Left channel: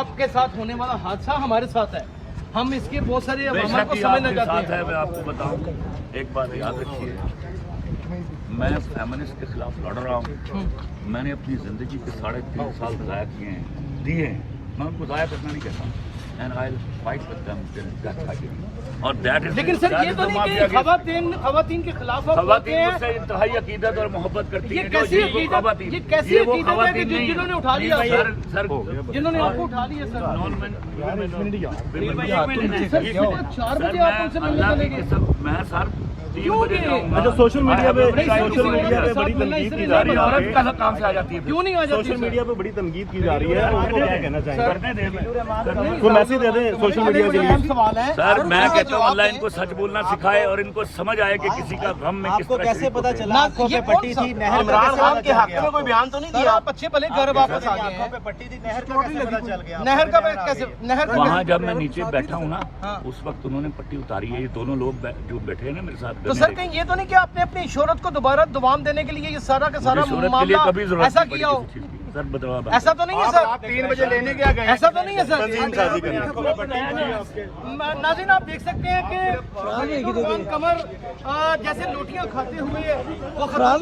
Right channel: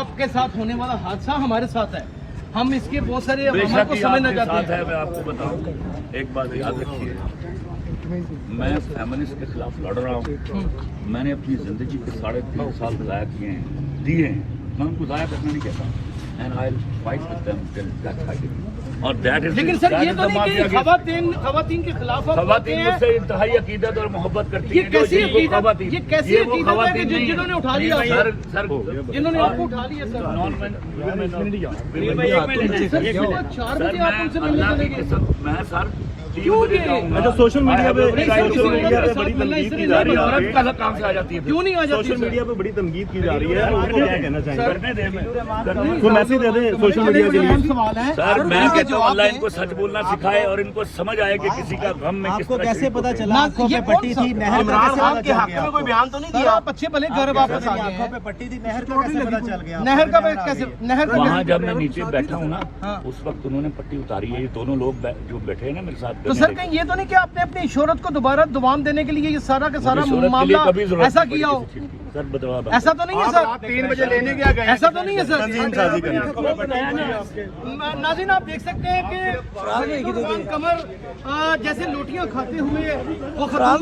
آپ کے ساتھ ہونے والا حادثہ ہمارے ساتھ ہے. ہم اس کے بہت سارے عوامل کو سمجھنا چاہتے ہیں. میں آپ کو بتاؤں ایک بات یاد رکھیے, میں فیمنسٹ کے خلاف لڑ رہا ہوں. میں نے اپنی زندگی کے 3.5 سال ضائع کیے ہیں, دیے ہیں. میں ان کو ضائع کرنا نہیں کہتا. And I'll fight with them till that fighting. اور that is لیکن سر یہ تو نہیں کہ خواتین کے خلاف خواتین مجھ سے انتہائی عقیدت اور محبت کرتی ہیں. جو یہ جن کو خواتین, کیسی یہ وہ خواتین نہیں جنہوں نے اٹھا لیا, سر جنہوں نے آپ کو اٹھا لیا سر. سر 4 بجے آپ ان سے ملنے چلے گئے. میں سر 3 بجے جاؤں اچھا, گا. سوشل میڈیا پہ بڑی تنقید کی ساری عورت کا کام سے آ جاتی ہے. کیوں نہیں آ جاتی؟ سوشل میڈیا پہ بڑی تنقید کی جا رہی ہے, ان کو کیا کہنا چاہیں گے؟ کرنے دیں کوئی میسج دے دیں سوشل میڈیا کے لیے. سوال ہے سر, میں کہتا ہوں اللہ ان کو سچ بولنا سکھائے اور ان کو سمجھ آئے کہ کسی کا غم میں کس طرح کیسے پتا چلا آنکھوں پہ پٹی تھی, نہر کا عمران خان کے حق میں کوئی بیان تو نہیں دیا؟ آپ اچھے بھلے گھر واپس آ گئے آنکھوں ہیں. پہ پٹی تھی, نہر کا کیسے پتا چل گیا؟ نہر کا کیسے, نہر کا وہاں جب میں نیچے بیٹھا ہوں نا, اس وقت انہوں نے پٹی اتاری ہے. یہ دونوں لوگ جو بیٹھے ہیں نا میرے ساتھ, تو سر کہیں یہ تو نہیں کہ آپ نے اپنی شہرت کو دوبارہ دوام دینے کے لیے یہ سارا کا سارا شہرت کے لیے کبھی معاملہ ضرورت ایسا نہیں کیا ہو؟ پڑی کسی چیز کی. سر بتاؤ آپ. ایسا تو نہیں ہے سر. 3 بجے لینے گیا گئے, ایسا تو نہیں ہے سر. سر ناظرین آپ دیکھ سکتے ہیں کہ روان کمر جیسے لوٹیاں کھاتے ہوئے وہ خاتون